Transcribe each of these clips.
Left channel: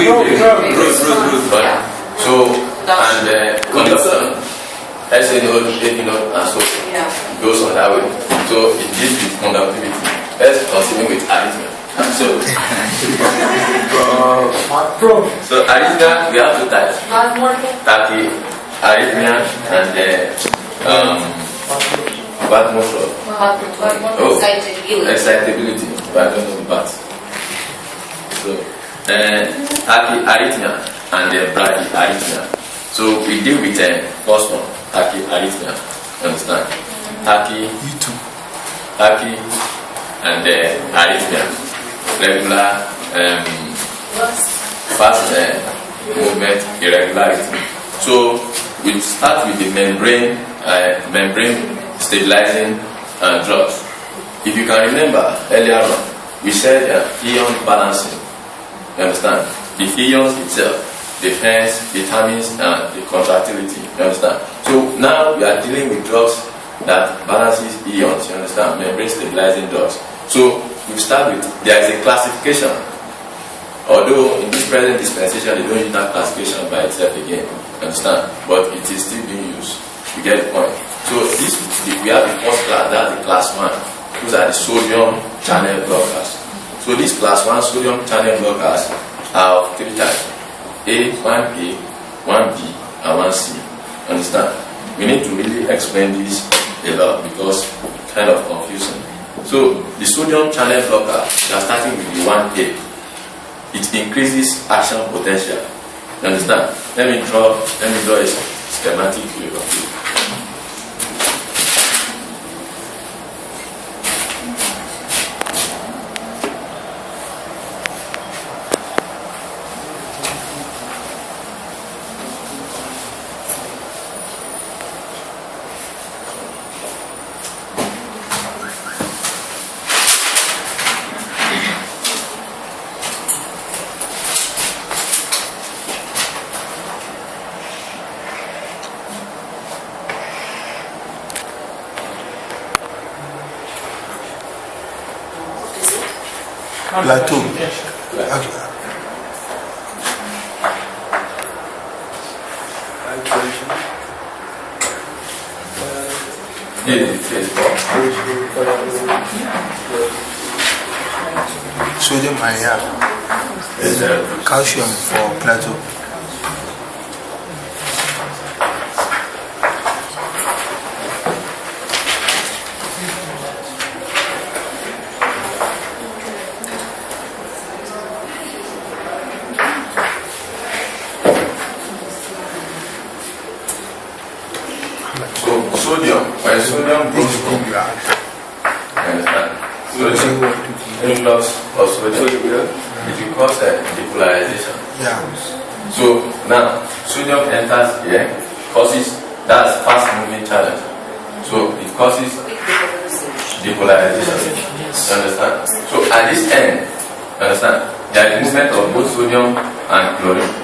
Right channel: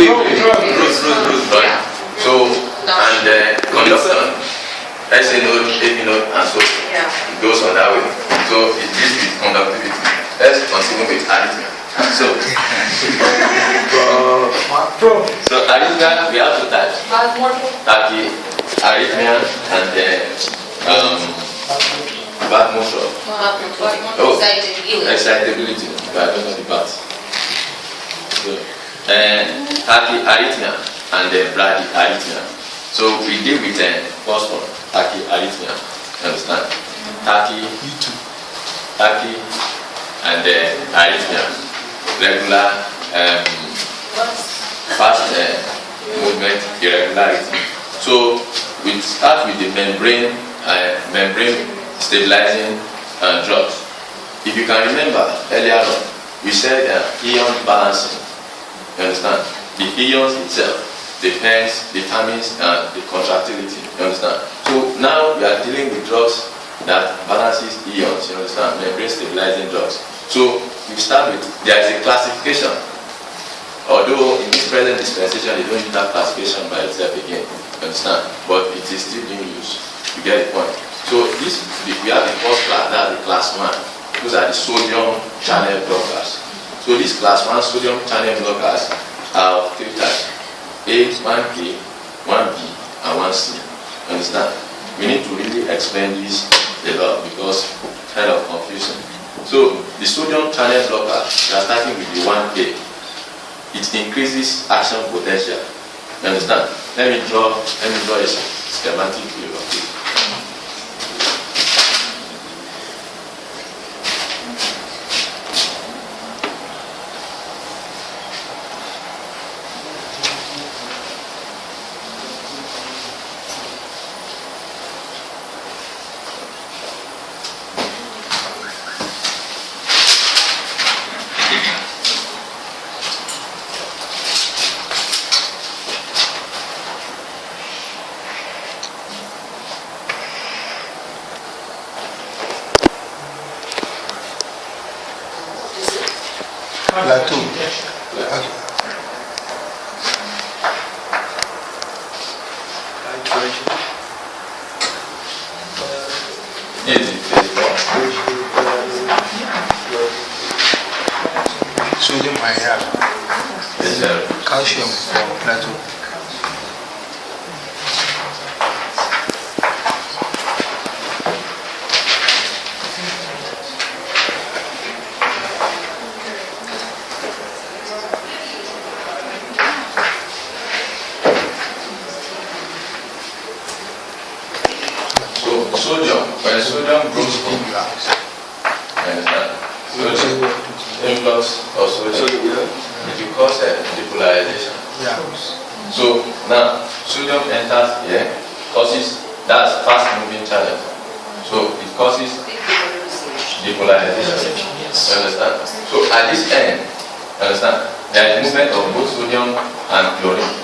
Right. So, and conduction, let's say node, heavy node, and so it goes on that way. So it deals with conductivity. Let's continue with arrhythmia. So arrhythmia, we have two types. Arrhythmia and bad motion. Excitability. But I don't know the part. So, arrhythmia and bradyarrhythmia. So we deal with first one, tachyarrhythmia. Understand? Tachy and arrhythmia. Regular, fast movement, irregularity. So we start with the membrane stabilizing drugs. If you can remember earlier on, we said ion balancing. You understand? The ions itself determines the contractility. You understand? So now we are dealing with drugs that balances ions. You understand? Membrane stabilizing drugs. So you start with, there is a classification. Although in this present dispensation they don't use that classification by itself again. You understand? But it is still being used. You get the point. So this, we have the first class, that's the class 1. Those are the sodium channel blockers. So these class 1 sodium channel blockers have 3 types. A, 1A, 1B, and 1C. Understand? We need to really explain this a lot because it's kind of confusing. So the sodium channel blocker, we are starting with the 1A. It increases action potential. You understand? Let me draw a schematic view of it. Plateau. Sodium I have. Calcium for plateau. When sodium goes influx of sodium, it will cause depolarization. So now sodium enters here, that's fast moving channel. So it causes depolarization. Understand? So at this end, understand, there is movement of both sodium and chlorine.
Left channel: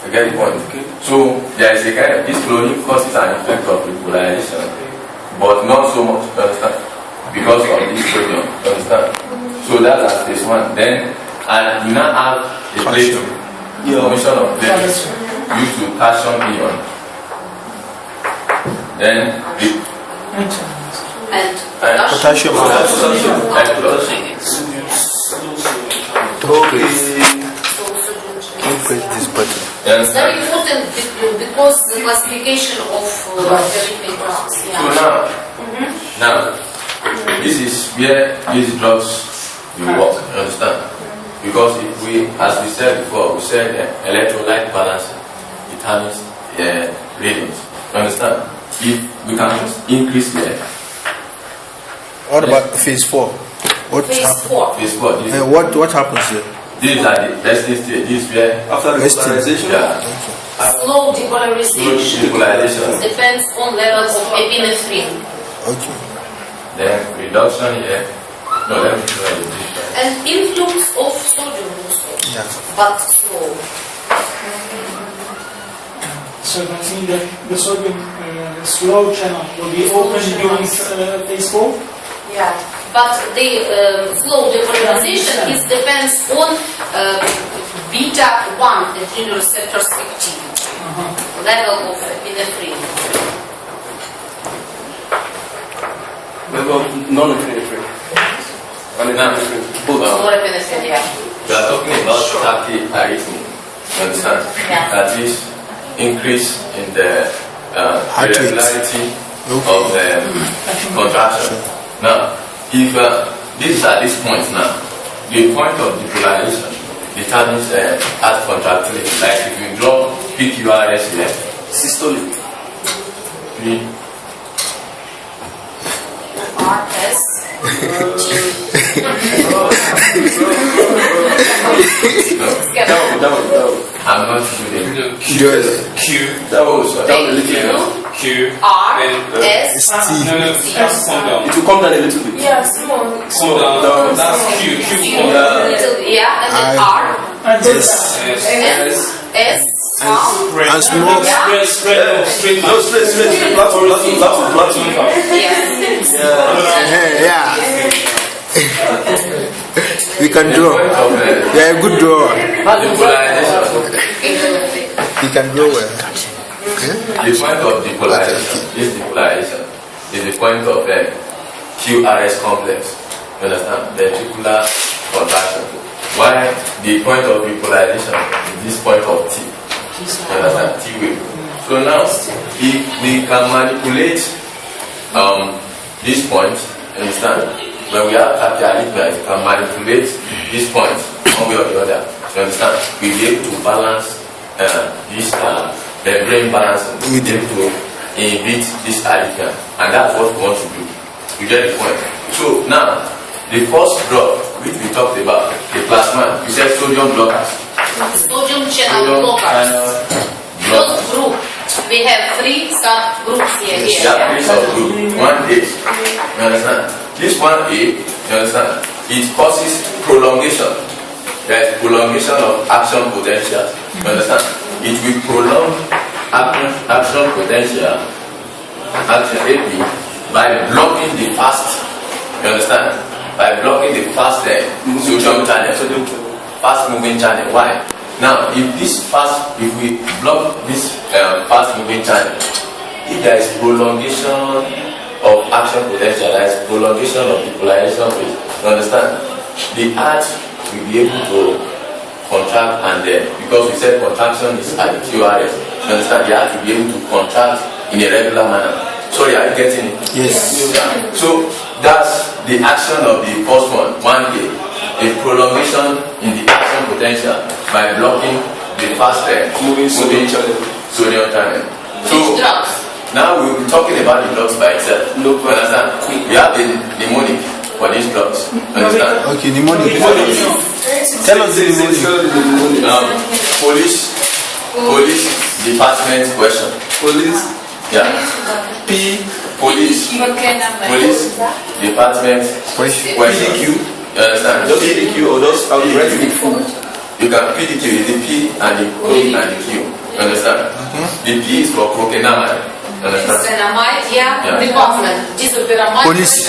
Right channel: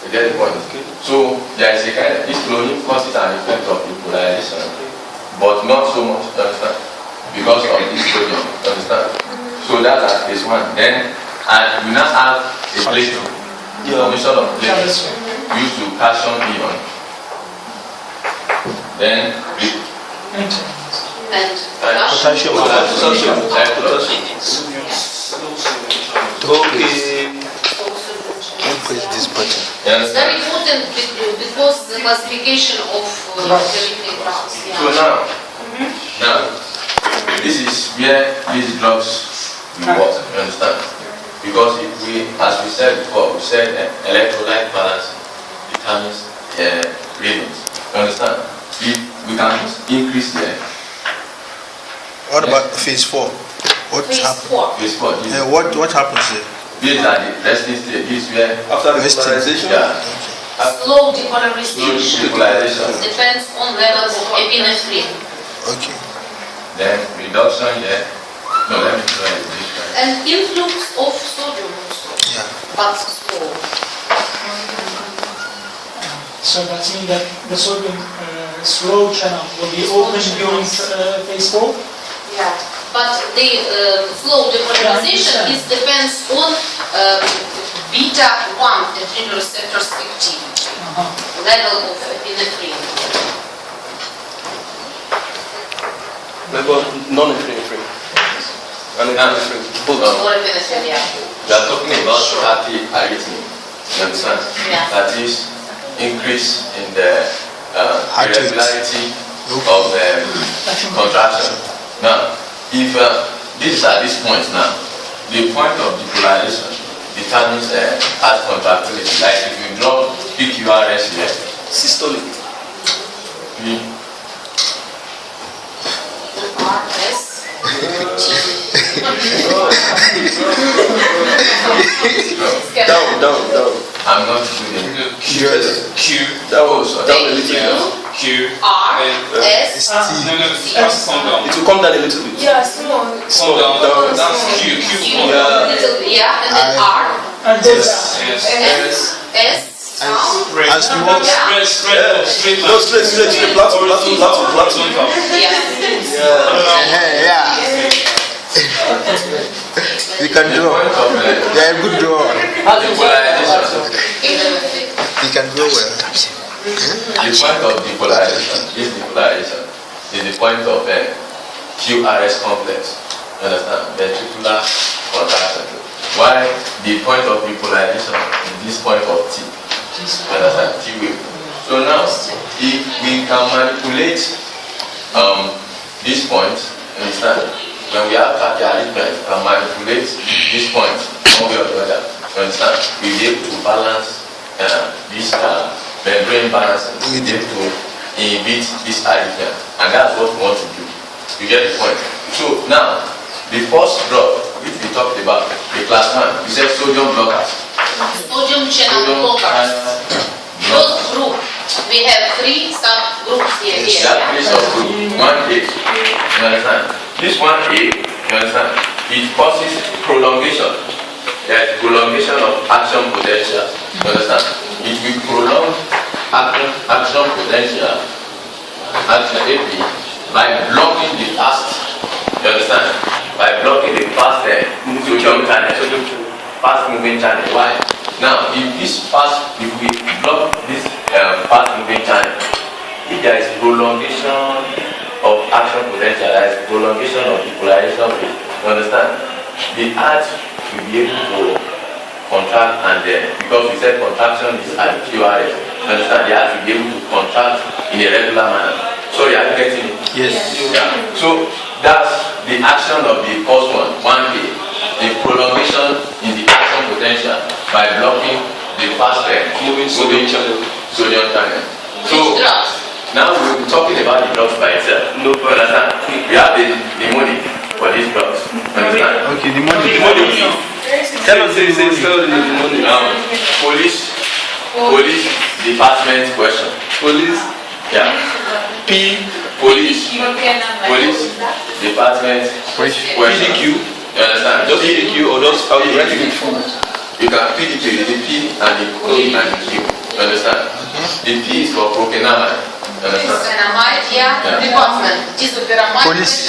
You get the point? Okay. So there is a kind of, this chlorine causes an effect of depolarization, but not so much, understand? Because of this sodium, understand? So that's case 1. Then we now have a Plato, formation of Plato used to calcium ion. Then potassium. Okay. It's very important because the classification of chemical drugs. So now, this is where these drugs will work, understand? Because if we, as we said before, we said electrolyte balancing determines readings, understand? If we can increase there. What about phase 4? Phase 4. Phase 4. What happens there? These are the resting state. This is where After the depolarization? Yeah. Slow depolarization. Depends on level of epinephrine. Okay. Then reduction here. No, let me try it. And influx of sodium also. Yeah. But slow. So that means that the sodium slow channel will be open during phase 4? Yeah. But the slow depolarization depends on beta 1 adrenal receptors active, level of epinephrine. Level of non-epinephrine. And epinephrine. Both. Norepinephrine, yeah. We are talking about tachyarrhythmia. You understand? Yeah. That is increase in the irregularity of the contraction. Now, if this at this point now, the point of depolarization determines heart contractility. Like if you drop PQRS here, Systolic. RS. Down. I'm not doing Q. Down a little bit. Q. RS. It will come down a little bit. Yeah, small. Small. Down. Yeah. Yeah, and then R. And then S. S. And small. Yeah. No, straight. Plateau. Yeah. Yeah. You can draw. You're a good drawer. Depolarization. You can draw well. The point of depolarization is the point of QRS complex. You understand? Ventricular contraction. Why the point of depolarization is this point of T. You understand? T wave. So now, if we can manipulate this point, you understand? When we have tachyarrhythmia, we can manipulate this point one way or the other. You understand? We'll be able to balance this membrane balancing. We'll be able to inhibit this arrhythmia. And that's what we want to do. You get the point? So now, the first drug which we talked about, the class 1, we said sodium blockers. Sodium channel blockers. Those group, we have 3 subgroups here. There are 3 subgroups. 1A. You understand? This 1A, you understand? It causes prolongation. There is prolongation of action potential. You understand? It will prolong action potential, action AP, by blocking the fast. You understand? By blocking the fast sodium channel. Fast moving channel. Why? Now, if we block this fast moving channel, if there is prolongation of action potential, there is prolongation of depolarization rate, you understand? The heart will be able to contract, and because we said contraction is at QRS, you understand? The heart will be able to contract in a regular manner. Sorry, are you getting? Yes. Yeah. So that's the action of the first one, 1A, the prolongation in the action potential by blocking the fast Moving sodium channel. Sodium channel. So Which drugs? now we'll be talking about the drugs by itself. No You understand? We have the mnemonic for these drugs. You understand? Okay, the money. Tell us the mnemonic. Police department question. Police. Yeah. P. Police department question. PDQ. You understand? Just PDQ or just how you write it. You can PDQ, the P and the P and the Q. You understand? The P is for prokenamide. You understand? Dynamite, yeah. Department. Disopyramide. Police.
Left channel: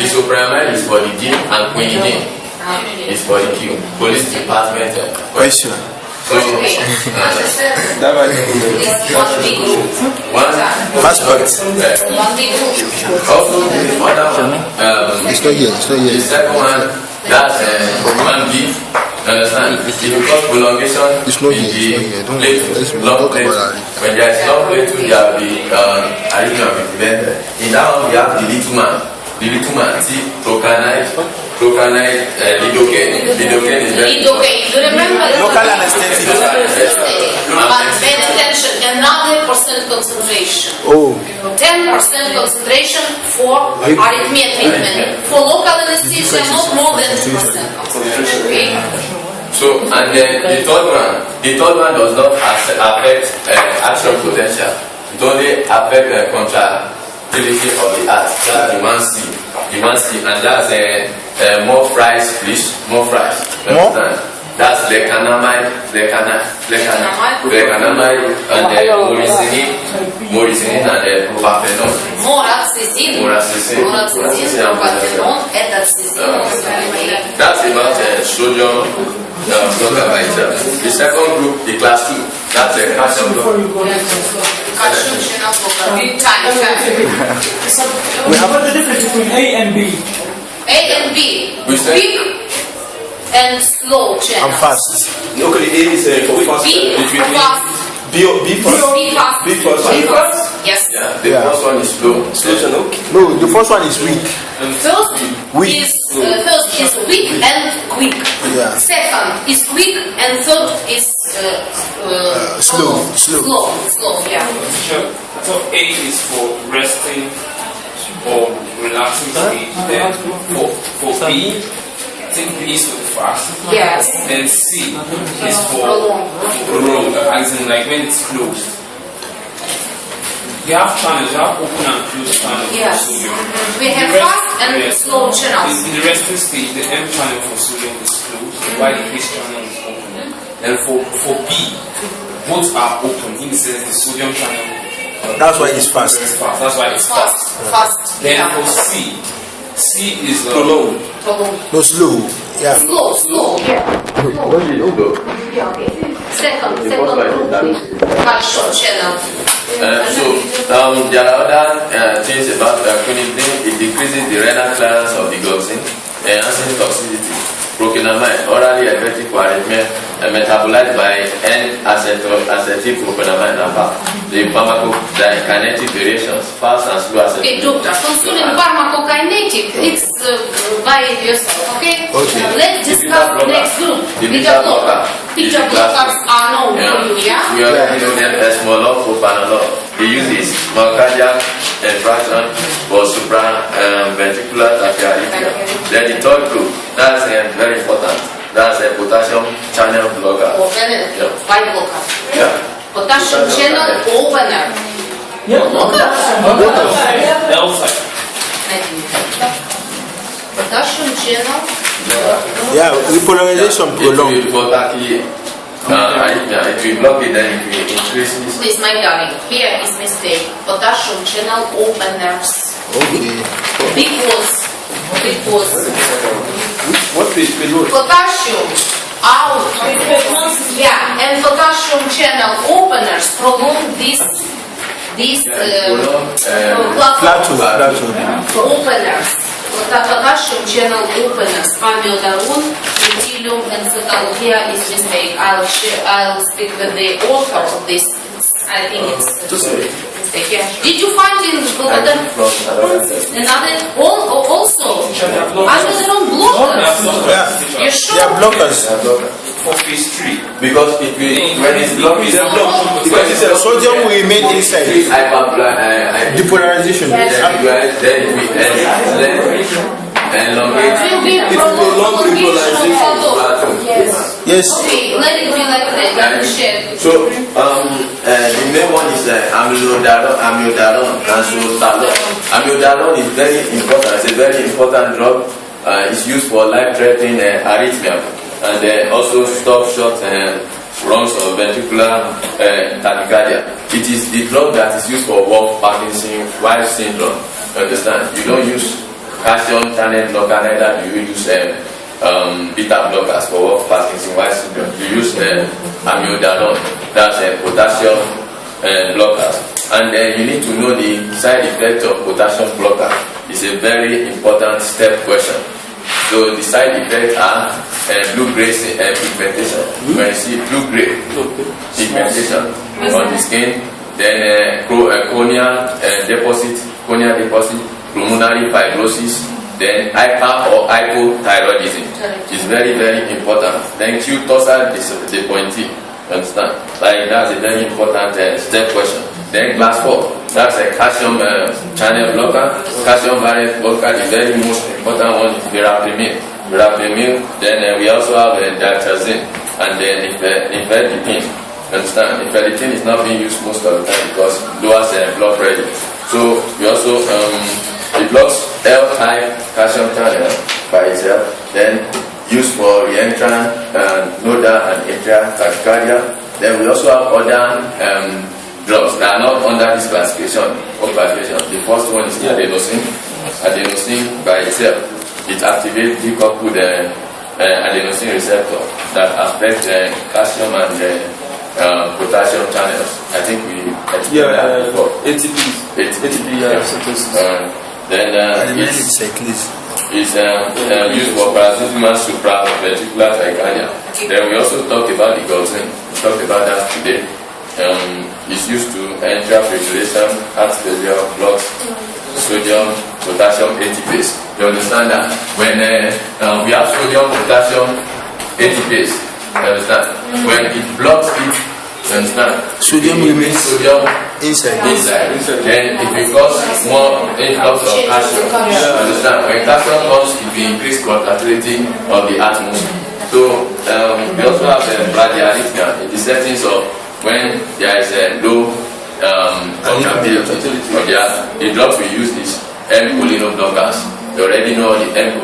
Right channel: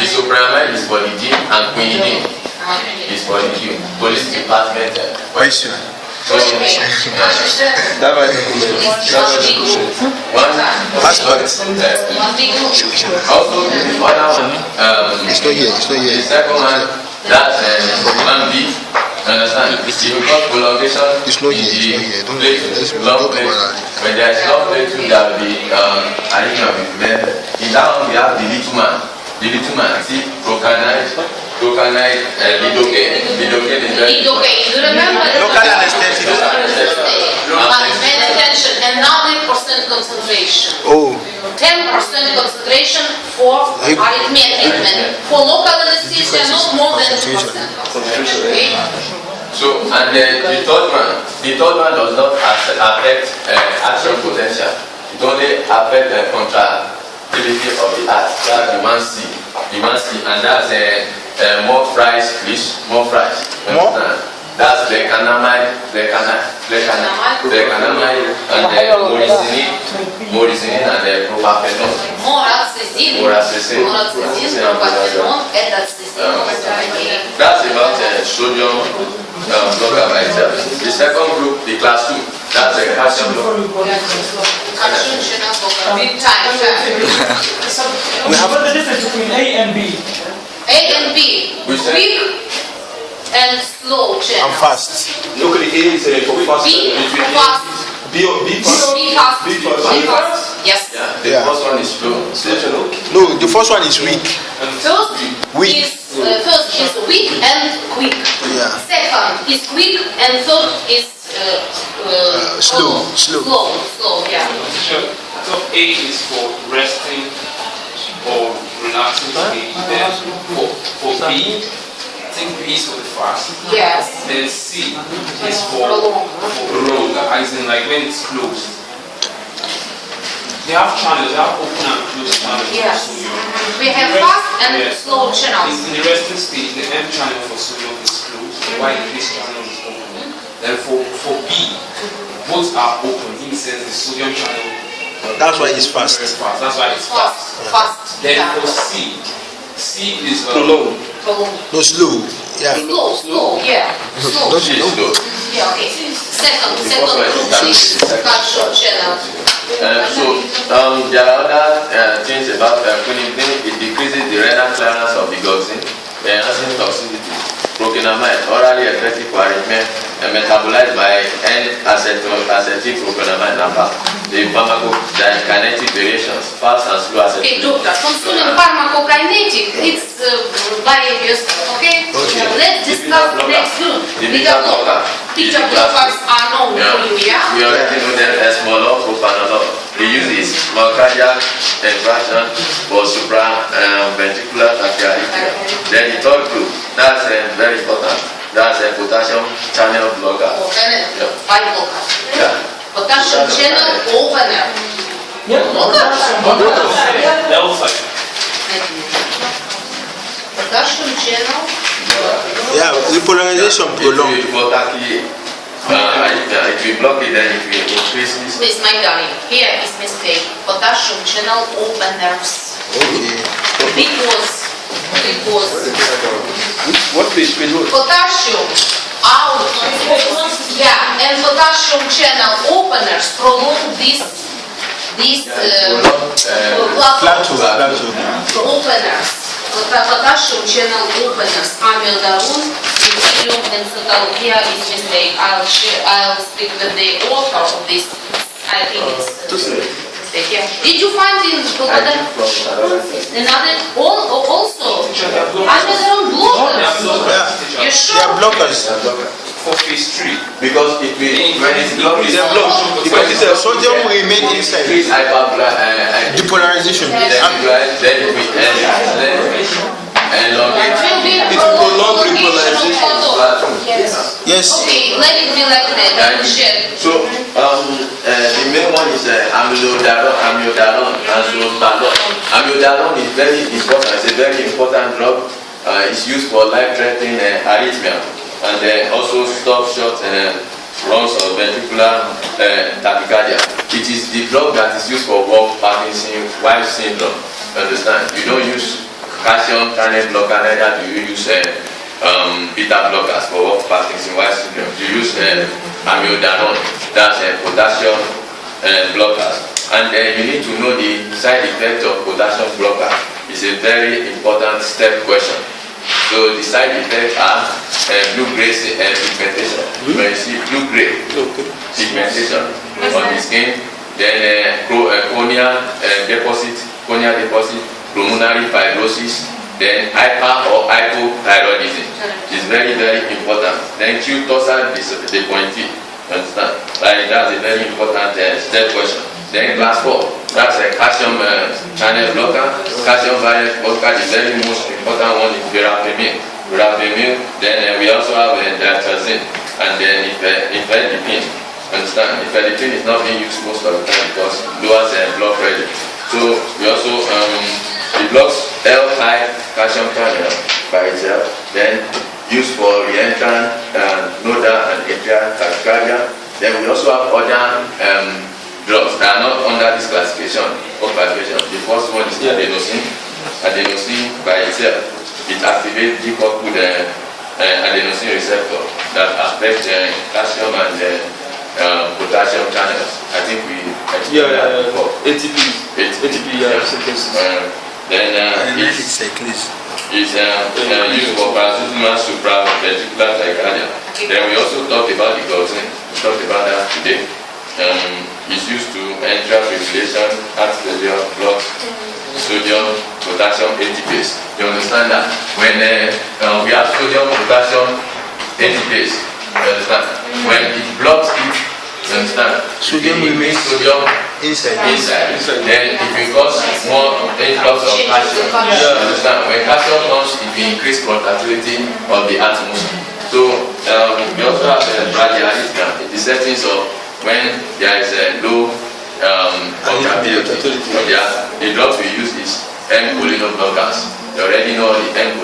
Isopramide is for the D and quinidine is for the Q. Police department Question. So, That might document. Passport. One big group. also the other one, It's not here. the second one, that's 1B. You understand? It's because prolongation It's not here. Don't worry. Let's long talk plate. about it. When there's long plate, there will be arrhythmia will be prevented. In that one, we have the little man. The little man, see, procanide, lidocaine. Lidocaine is very Okay, you remember that? Local anesthetic. But pay attention, another percent concentration. Oh, 10% concentration for arrhythmia treatment. For local anesthesia, not more than 2%. Concentration, Okay? So, and then the third one does not affect action potential. It only affects the contractility of the heart. That's the 1C, and that's more fries, please, more fries. You More? understand? That's lecanamide, and moricinin and propafenone. Moraxizin, Moraxizin. propafenone, etoxizin. That's about sodium blocker by itself. The second group, the class 2, that's a calcium blocker. Calcium channel blocker. Big time. What's the difference between A and B? A and B. Quick and slow channel. I'm fast. Okay, the A is for fast. B fast. B fast. B fast. B B fast. fast. Yes. Yeah, the first one is slow. No, the first one is weak. First is weak and quick. Yeah. Second is quick and third is Slow. Slow. Yeah. Sure. So A is for resting or relaxing stage. Then for B, I think B is for the fast. Yes. Then C is for Prolong. as in like when it's closed. You have channels, you have open and closed channels. Yes. for sodium. We have fast and slow channels. In the resting stage, the M channel for sodium is closed, while the H channel is open. Then for B, both are open. In the sense, the sodium channel That's why it's very fast. fast. That's why it's fast. Fast. Then Yeah. for C is Prolong. Prolong. No, slow. Yeah. Slow. Yeah. Slow. She is slow. Yeah. Okay. Second first one is group is calcium channel. There are other things about quinidine. It decreases the renal clearance of the goxin, enhances toxicity. Propanamide, orally effective for arrhythmia, metabolized by N-acetylpropanamide naphtha. The pharmacokinetic variations, fast and slow Okay, acetylpropanamide. doctor. Concerning pharmacokinetic, it's by yourself. Okay. Okay. Let's discuss the next group. The Beta blocker. Beta blockers are known for you. Yeah. We already know them as propanolol. We use this for cardiac infarction for supraventricular tachyarrhythmia. Then the third group, that's very important. That's a potassium channel blocker. By blocker. Yeah. Potassium channel opener. Yeah. alpha. Potassium channel. Yeah, the polarization It prolonged. will block it will block it, then it will increase this. Please, my darling. Here is mistake. Potassium channel openers. Okay. Because What page? Page what? potassium out. Yeah, and potassium channel openers prolong this Plateau. openers. Potassium channel openers. Amiodarone, deuterium, and cetal. Here is mistake. I'll speak with the author of this. I think it's mistake. Yeah. Did you find in another also amiodarone blockers? Yeah. You They sure? are blockers. For phase 3. Because it will, when it's blocked, They are blocked because it's a Sodium will remain inside. increase hyperpolarization. Depolarization. Then it will elongate. It will be prolongation of photo. Yes. Yes. Okay, let it be like that. I will share. So, the main one is amiodarone and sotalol. Amiodarone is very important. It's a very important drug. It's used for life-threatening arrhythmia, and then also stop short runs of ventricular tachycardia. It is the drug that is used for Wolff-Parkinson-White syndrome. You understand? You don't use calcium channel blocker, neither do you use beta blockers for Wolff-Parkinson-White syndrome. You use amiodarone, that's potassium blockers. And you need to know the side effect of potassium blocker. It's a very important step question. So the side effects are blue-gray pigmentation. When you see blue-gray pigmentation on the skin, then corneal deposit, pulmonary fibrosis, then hyper or hypothyroidism. It's very, very important. Then Q-torsal depointee. Understand? Like that's a very important step question. Then class 4, that's a calcium channel blocker. Calcium variant blocker, the very most important one is verapamil. Then we also have diatrazine, and then ifedipine. Understand? Ifedipine is not being used most of the time because it lowers blood pressure. So we also it blocks L-type calcium channel by itself. Then used for reentrant, nodal and atrial tachycardia. Then we also have other drugs that are not under this classification. The first one is adenosine. Adenosine by itself, it activates decoupled adenosine receptor that affect calcium and potassium channels. I think we explained that before. ATP, synthesis. Then it's used for paroxysmal supraventricular tachycardia. Then we also talked about the gluten. We talked about that today. It's used to enteral fibrillation, heart failure, blood, sodium, potassium ATPase. You understand that when we have sodium, potassium ATPase, you understand? When it blocks it, you understand? Sodium it remains sodium inside. Then it will cause more influx of calcium. You understand? When calcium comes, it will increase contractility of the heart muscle. So we also have the arrhythmia in the settings of when there is a low contractility of the heart. The drugs we use is M-choline blockers. You already know the M-choline